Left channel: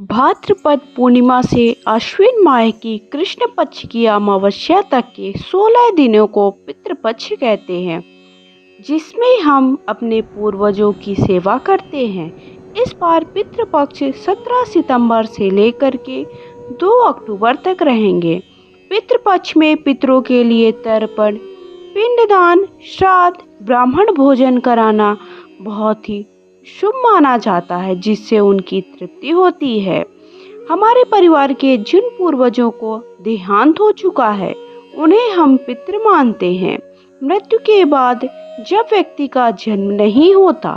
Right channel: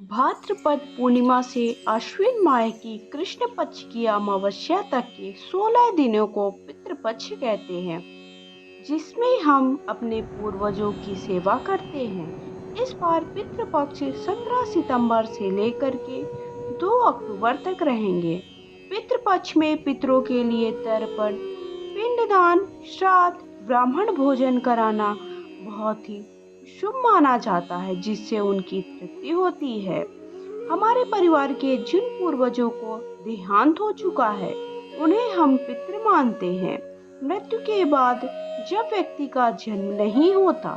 भाद्रपद पूर्णिमा से अश्विन माह की कृष्ण पक्ष की अमावस्या तक के 16 दिनों को पितृपक्ष कहते हैं, जिसमें हम अपने पूर्वजों की सेवा करते हैं। इस बार पितृपक्ष 17 सितंबर से लेकर के 2 अक्टूबर तक रहेंगे। पितृपक्ष में पितरों के लिए तर्पण, पिंडदान, श्राद्ध, ब्राह्मण भोजन कराना बहुत ही शुभ माना जाता है, जिससे उनकी तृप्ति होती है। हमारे परिवार के जिन पूर्वजों को देहांत हो चुका है, उन्हें हम पितृ मानते हैं। मृत्यु के बाद जब व्यक्ति का जन्म नहीं होता,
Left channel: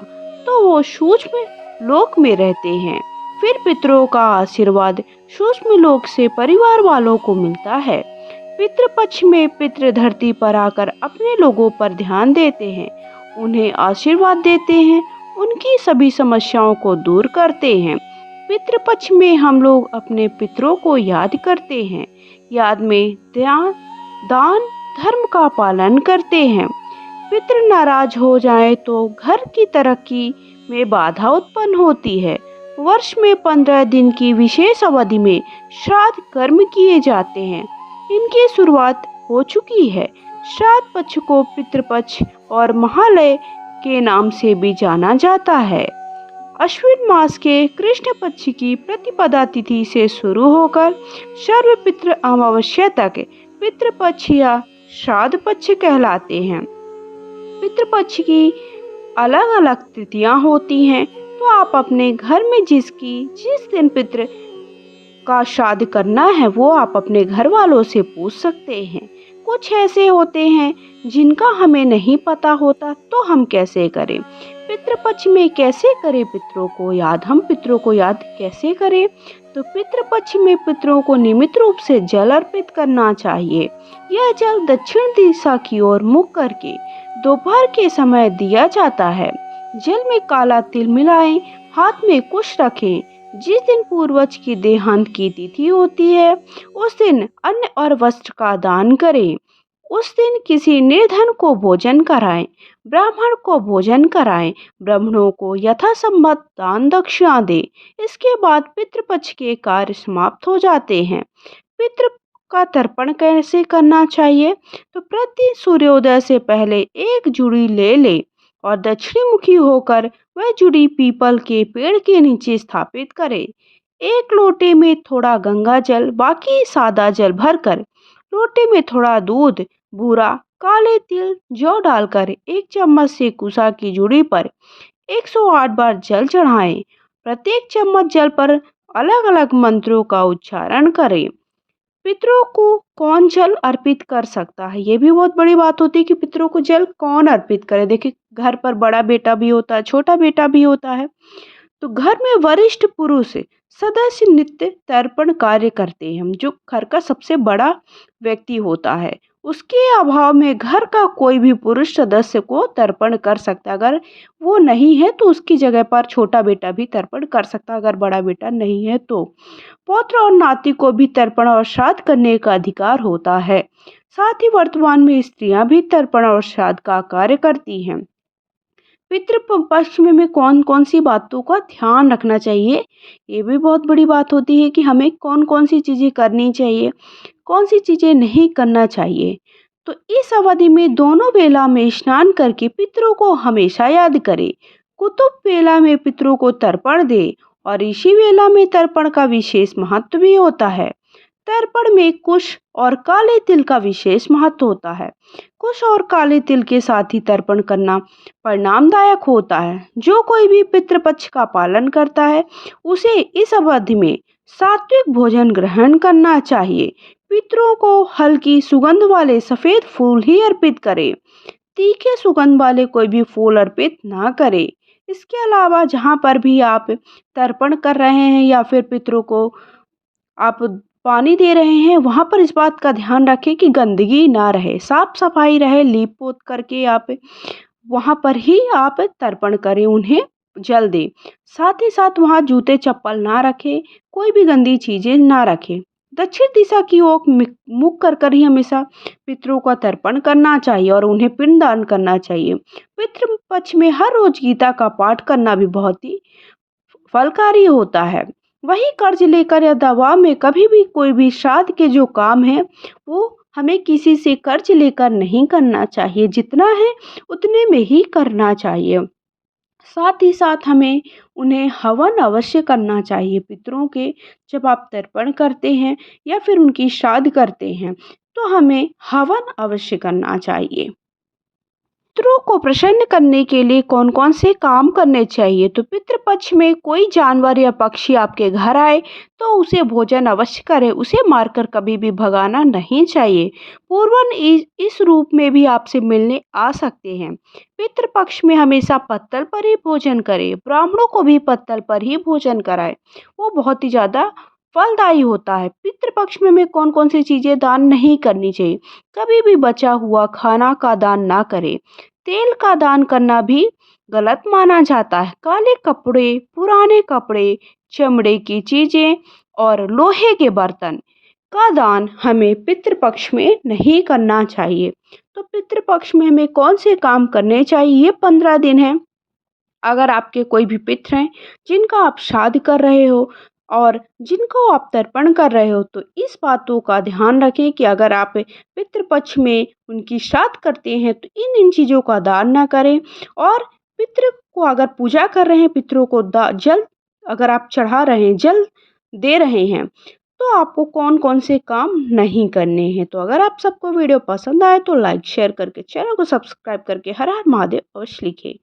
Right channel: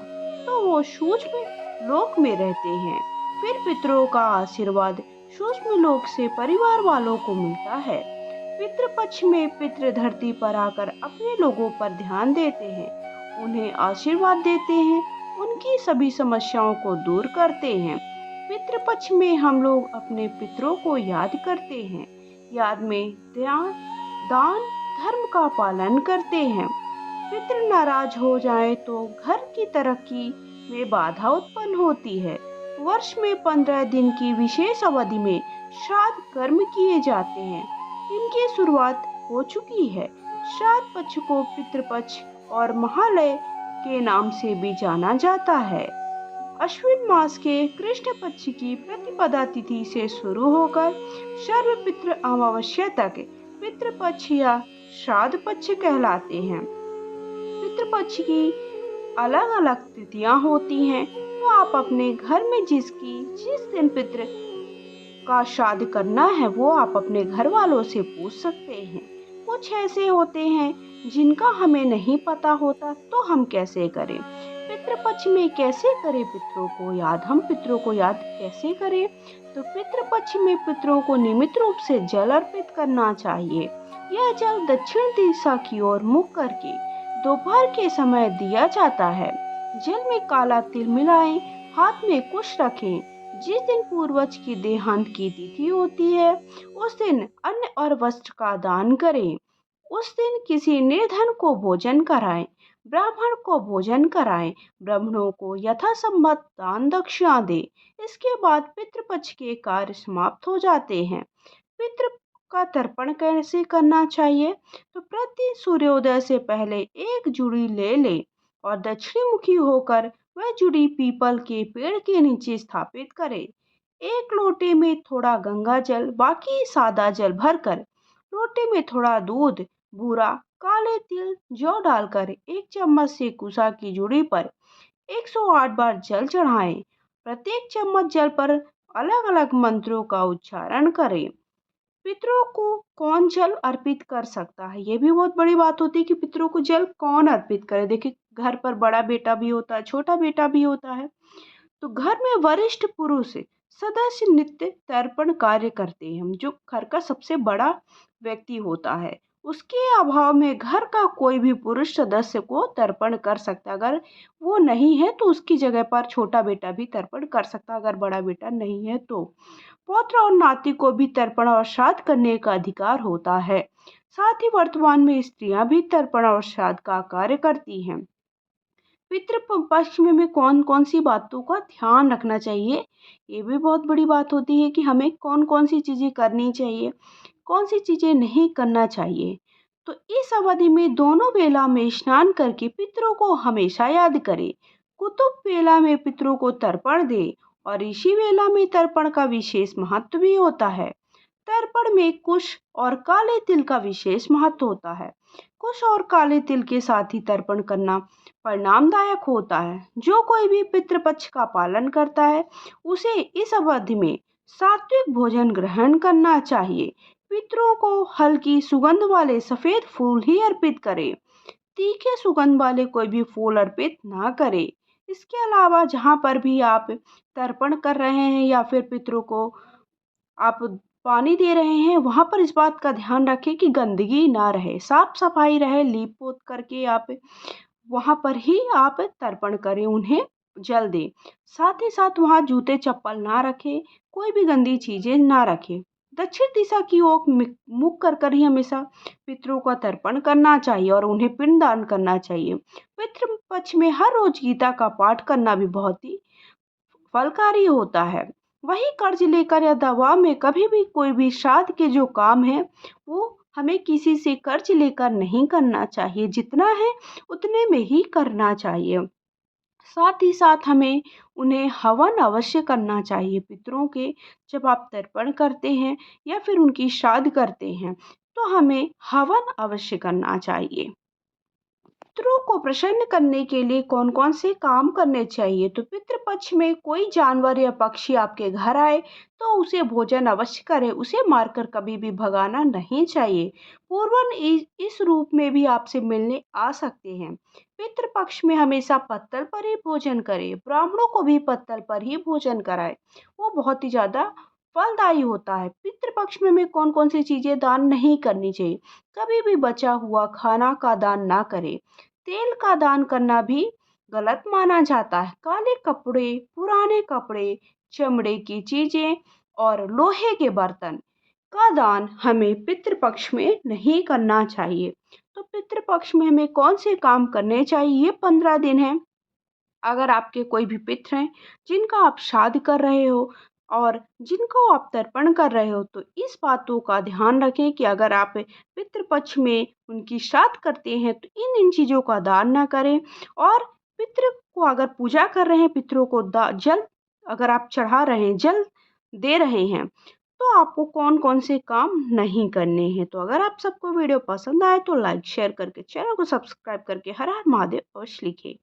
तो वो सूक्ष्म लोक में रहते हैं। फिर पितरों का आशीर्वाद सूक्ष्म लोक से परिवार वालों को मिलता है। पितृपक्ष में पितृ धरती पर आकर अपने लोगों पर ध्यान देते हैं, उन्हें आशीर्वाद देते हैं, उनकी सभी समस्याओं को दूर करते हैं। पितृपक्ष में हम लोग अपने पितरों को याद करते हैं। याद में दान धर्म का पालन करते हैं। पितृ नाराज हो जाए तो घर की तरक्की में बाधा उत्पन्न होती है। वर्ष में 15 दिन की विशेष अवधि में श्राद्ध कर्म किए जाते हैं। इनकी शुरुआत हो चुकी है। श्राद्ध पक्ष को पितृपक्ष और महालय के नाम से भी जाना जाता है। अश्विन मास के कृष्ण पक्ष की प्रतिपदा तिथि से शुरू होकर सर्व पितृ अमावस्या तक पितृपक्ष या श्राद्ध पक्ष कहलाते हैं। पितृपक्ष की अलग अलग तिथियां होती हैं, तो आप अपने घर में जिस दिन पितृ का श्राद्ध करना है, वो आप अपने घर वालों से पूछ सकते हैं। कुछ ऐसे होते हैं जिनका हमें नहीं पता होता, तो हम कैसे करें? पितृपक्ष में कैसे करें पितरों को याद? हम पितरों को याद कैसे करें? तो पितृपक्ष में पितरों को नियमित रूप से जल अर्पित करना चाहिए। यह जल दक्षिण दिशा की ओर मुख करके दोपहर के समय दिया जाता है। जल में काला तिल मिलाएं, हाथ में कुश रखें। जिस दिन पूर्वज की देहांत की तिथि होती है, उस दिन अन्न और वस्त्र का दान करें। उस दिन किसी निर्धन को भोजन कराएं, ब्राह्मण को भोजन कराएं, ब्राह्मणों को यथासंभव दान दक्षिणा दें। इसके बाद पितृपक्ष के कार्य समाप्त हो जाते हैं। पितृ का तर्पण कैसे करना चाहिए? तो प्रति सूर्योदय से पहले एक जुड़ी ले लें और दक्षिणी मुखी होकर वह जुड़ी पीपल के पेड़ के नीचे स्थापित करें। एक लोटे में थोड़ा गंगा जल, बाकी सादा जल भरकर लोटे में थोड़ा दूध, बूरा, काले तिल, जौ डालकर 1 चम्मच से कुसा की जुड़ी पर 108 बार जल चढ़ाएं। प्रत्येक चम्मच जल पर अलग अलग मंत्रों का उच्चारण करें। पितरों को कौन जल अर्पित कर सकता है, ये भी बहुत बड़ी बात होती है कि पितरों को जल कौन अर्पित करे। देखिए, घर पर बड़ा बेटा भी होता है, छोटा बेटा भी होता है। तो घर में वरिष्ठ पुरुष सदस्य नित्य तर्पण कार्य करते हैं। जो घर का सबसे बड़ा व्यक्ति होता है, उसके अभाव में घर का कोई भी पुरुष सदस्य को तर्पण कर सकता है। अगर वो नहीं है तो उसकी जगह पर छोटा बेटा भी तर्पण कर सकता है, अगर बड़ा बेटा नहीं है तो। पौत्र और नाती को भी तर्पण और श्राद्ध करने का अधिकार होता है। साथ ही वर्तमान में स्त्रियां भी तर्पण और श्राद्ध का कार्य करती हैं। पितृपक्ष में कौन कौन सी बातों का ध्यान रखना चाहिए, ये भी बहुत बड़ी बात होती है कि हमें कौन कौन सी चीज़ें करनी चाहिए, कौन सी चीज़ें नहीं करना चाहिए। तो इस अवधि में दोनों बेला में स्नान करके पितरों को हमेशा याद करें। कुतुब बेला में पितरों को तर्पण दे और इसी बेला में तर्पण का विशेष महत्व भी होता है। तर्पण में कुश और काले तिल का विशेष महत्व होता है। कुश और काले तिल के साथ ही तर्पण करना परिणामदायक होता है। जो कोई भी पितृपक्ष का पालन करता है, उसे इस अवधि में सात्विक भोजन ग्रहण करना चाहिए। पितरों को हल्की सुगंध वाले सफेद फूल ही अर्पित करें। तीखे सुगंध वाले कोई भी फूल अर्पित ना करें। इसके अलावा जहाँ पर भी आप तर्पण कर रहे हैं या फिर पितरों को आप पानी दे रहे हैं, वहाँ पर इस बात का ध्यान रखें कि गंदगी ना रहे, साफ सफाई रहे। लीप पोत करके आप वहाँ पर ही आप तर्पण करें, उन्हें जल दें। साथ ही साथ वहाँ जूते चप्पल ना रखें, कोई भी गंदी चीज़ें ना रखें। दक्षिण दिशा की ओर मुख कर ही हमेशा पितरों का तर्पण करना चाहिए और उन्हें पिंडदान करना चाहिए। पितृ पक्ष में हर रोज गीता का पाठ करना भी बहुत ही फलकारी होता है। वही कर्ज लेकर या दबाव में कभी भी कोई भी श्राद्ध के जो काम है वो हमें किसी से कर्ज लेकर नहीं करना चाहिए। जितना है उतने में ही करना चाहिए। साथ ही साथ हमें उन्हें हवन अवश्य करना चाहिए पितरों के। जब आप तर्पण करते हैं या फिर उनकी श्राद्ध करते हैं तो हमें हवन अवश्य करना चाहिए। पितरों को प्रसन्न करने के लिए कौन कौन से काम करने चाहिए? तो पितृपक्ष में कोई जानवर या पक्षी आपके घर आए तो उसे भोजन अवश्य करें, उसे मारकर कभी भी भगाना नहीं चाहिए। पूर्वन इस रूप में भी आपसे मिलने आ सकते हैं। पितृपक्ष में हमेशा पत्तल पर ही भोजन करें, ब्राह्मणों को भी पत्तल पर ही भोजन कराएं, वो बहुत ही ज़्यादा फलदायी होता है। पितृपक्ष में हमें कौन कौन सी चीज़ें दान नहीं करनी चाहिए? कभी भी बचा हुआ खाना का दान ना करें। तेल का दान करना भी गलत माना जाता है। काले कपड़े, पुराने कपड़े, चमड़े की चीजें और लोहे के बर्तन का दान हमें पितृपक्ष में नहीं करना चाहिए। तो पितृपक्ष में हमें कौन से काम करने चाहिए? ये 15 दिन है। अगर आपके कोई भी पितृ हैं जिनका आप श्राद्ध कर रहे हो और जिनको आप तर्पण कर रहे हो तो इस बातों का ध्यान रखें कि अगर आप पितृपक्ष में उनकी श्राद्ध करते हैं तो इन चीज़ों का दान ना करें। और पितृ को अगर पूजा कर रहे हैं, पितरों को जल अगर आप चढ़ा रहे हैं, जल दे रहे हैं तो आपको कौन कौन से काम नहीं करने हैं। तो अगर आप सबको वीडियो पसंद आए तो लाइक शेयर करके चैनल को सब्सक्राइब करके हर हर महादेव अवश्य लिखें।